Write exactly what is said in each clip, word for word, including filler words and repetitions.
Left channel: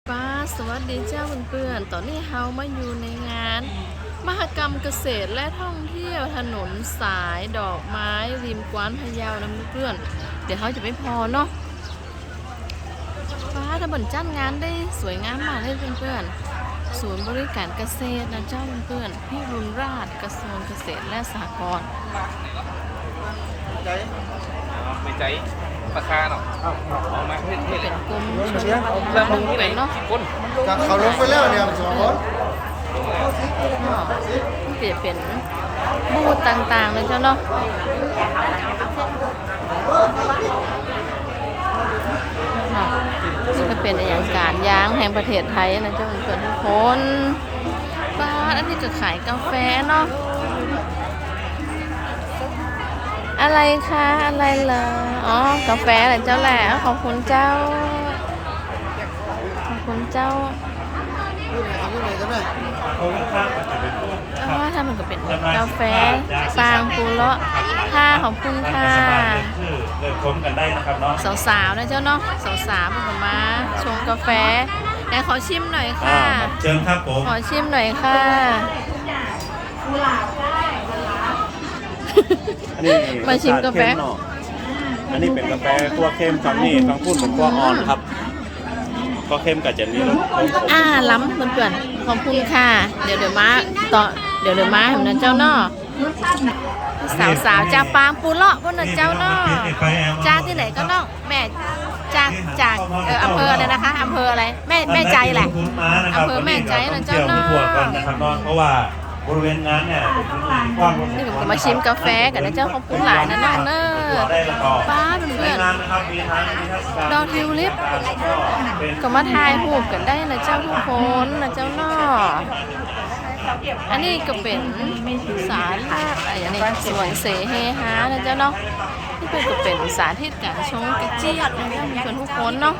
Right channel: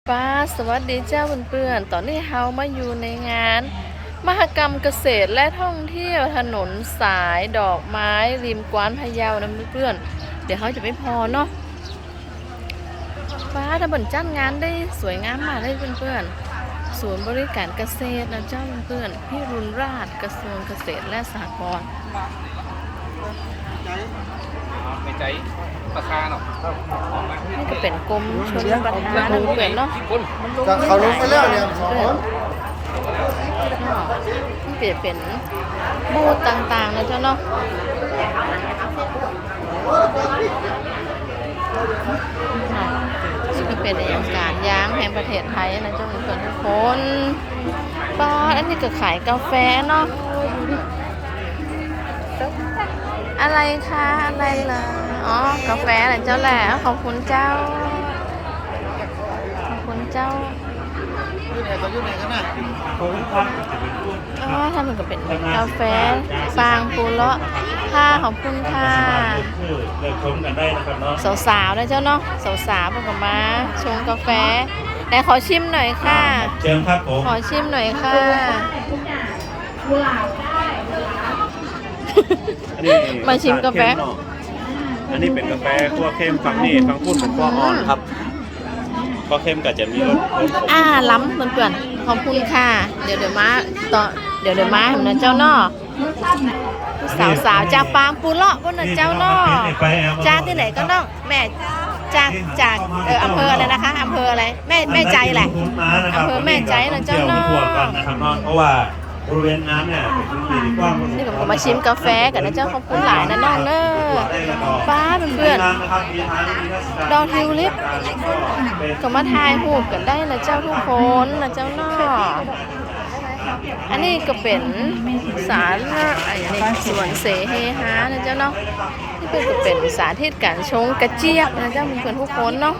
ป้าสวัสดีเจ้าเพื่อนๆตอนนี้เฮามาอยู่ในงาน มหกรรมเกษตรและท่องเที่ยวถนนสายดอกไม้ริมกวานพะเยานะเพื่อนๆเดี๋ยวเขาจะไม่พอเนาะป้าถ้าเปิ่นจัดงานได้สวยงามมากเลยเพื่อนๆศูนย์บริการเกษตรนะเจ้าเพื่อนๆพี่รุนราชกระทรวงเกษตรและสหกรณ์ประคาเนาะนี่ก็เป็นกรมชลประทานนะเพื่อนเนาะเขาลงไปแล้วเนี่ยสองคนเนาะนี่จะเป็นบูธต่างๆนะเจ้าเนาะเนาะนี่ก็เป็นอย่างการยางแห่งประเทศไทยนะเจ้าเพื่อนทุกคนป้าอันนี้ก็ขายกาแฟเนาะอะไรคะอะไรเหรออ๋อกาแฟอะไรเจ้าแหละขอบคุณเจ้าขอบคุณเจ้ายุ่ไหนเขายุ่ไหนกันน่ะอ๋อทำมันก็เป็นกาแฟฟางปูเลาะค่ะขอบคุณค่ะเริ่มชมกันได้นะครับเนาะสาวๆนะเจ้าเนาะสาวๆพวกกับมาชงกาแฟไหนขอชิมหน่อยค่ะเชิญครับผมขอชิมหน่อยค่ะอันนี้มาชิมกาแฟอันนี้เป็นกาแฟคั่วเข้มฝั่งนี้ฝั่งพุ่นเป็นคั่วอ่อนครับคั่วเข้มก็จะมีรสขมอ่าล้ำเพื่อนๆขอบคุณค่ะ เดี๋ยวเดี๋ยวมาต่อเดี๋ยวเดี๋ยวมาเห็นนะเจ้าเนาะสาวๆจากปางปูเลาะพวกนั้นเจ้าเนาะจากที่ไหนก็เนาะแม่จากจากเอออำเภออะไรนะคะอำเภออะไรแม่แม่ใจแหละอำเภอแม่ใจนะเจ้าเนาะก่อนนะครับเนาะเพราะว่าบริเวณนั้นเนี่ยเป็นพื้นที่ที่กว้างนี่ผมมาชิมกาแฟกันนะเจ้าขอบคุณหลายนะน้องเนอป้าเพื่อนๆดอกทิวลิปก็มาถ่ายรูปกันได้นะเจ้าทุกคนนะเจ้าเนาะอันนี้ก็เป็นสารอะไรอย่างนี้สวนเสเฮฮานะเจ้าเนาะนี่เป็นก็เป็นสาธิตการชงกระเจี๊ยบนะเจ้ามีคนทุกคนเนาะ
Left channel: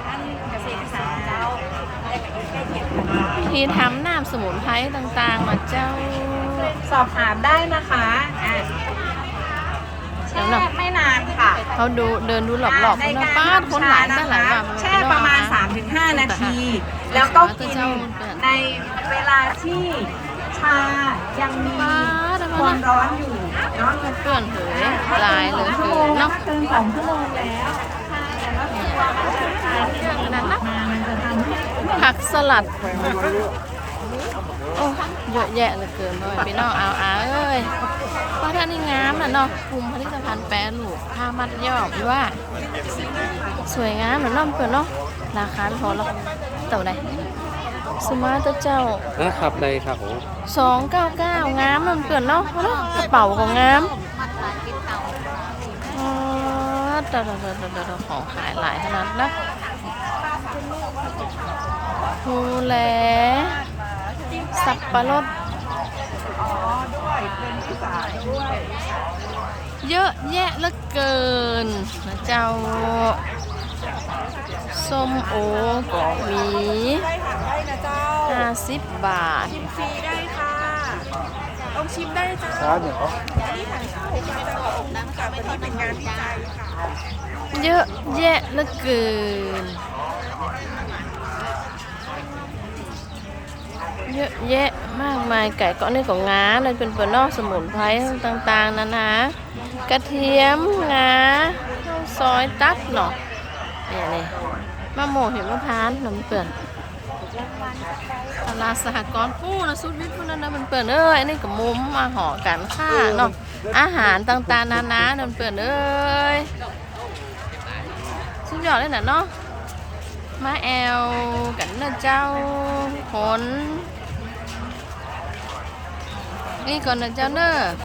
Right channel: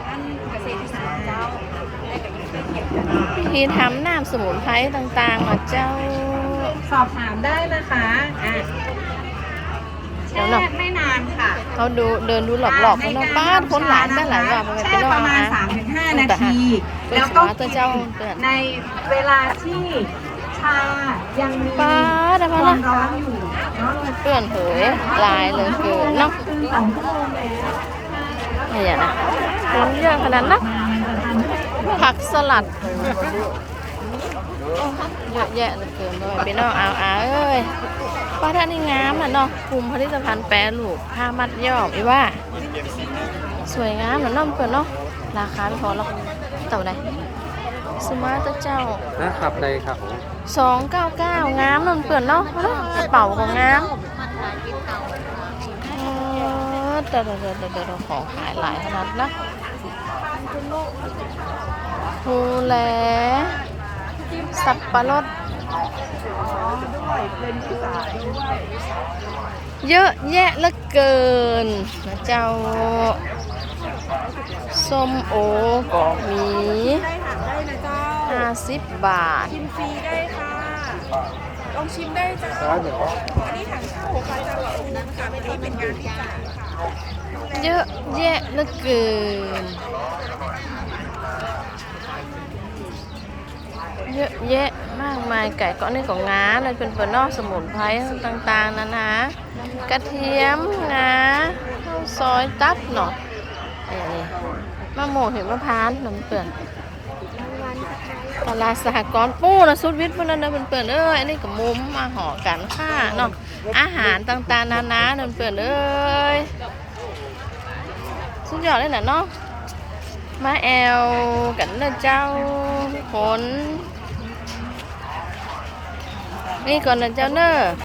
วิธีทำน้ำสมุนไพรต่างๆนะเจ้าสอบถามได้นะคะอ่ะแช่ไม่นานค่ะเขาดูเดินดูหลอบๆเขาเนาะป้าคนหลายได้หลายว่ามันแช่เป็นประมาณ สามถึงห้า นาที แล้วก็ตัวเจ้าเปิดในเวลาที่ชายังมีป้าได้คปะวานะมร้อนอยู่เนาะเปื่อนเผยลายเลยคือเนาะถึงสองชั่วโมงแล้วเนี่ยเยอะขนาดนั้นมันจะทำให้ผักสลัดเอ้ยเยอะแยะเหลือเกินด้วยพี่น้องเอาเอาเอ้ยป้าท่านนี่งามน่ะเนาะกลุ่มผลิตภัณฑ์แปรรูปผ้ามัดย้อมอีว่าสวยงามเหมือนน้องเปิดเนาะราคาไม่พอหรอกเท่าไหร่สมาร์ทเจ้านะครับในครับผมสองเก้าเก้างามน้องเปิดเนาะเนาะกระเป๋าของงามอ๋อเดี๋ยวเดี๋ยวเดี๋ยวเดี๋ยวของขายหลายขนาดนะฮูแลสับปะรดเยอะแยะเหลือเกินนะเจ้าส้มโอก็มีห้าสิบบาทลองชิมได้จ้าเยอะแยะเหลือเกินเยอะแยะมากมายไก่ก็นี่ของงาในเป็นเปลือกนอกสมุนไพรต่างๆนะนะกระเทียมงาข้าวซอยตัดเนาะนี่มะโมเห็นมะพร้าวน้ำเปลือกตลาดสหกรณ์ปูนะสุดวิทย์พวกนั้นนะเป็นเปลือกเอ้ยอันนี้กับมุมมาห่อกันค่าเนาะอาหารต่างๆนานาเป็นเปลือกเอ้ยสุดยอดเลยนะเนาะมาแอลกันนะเจ้าคนนี่ก่อนนะเจ้าเนอะ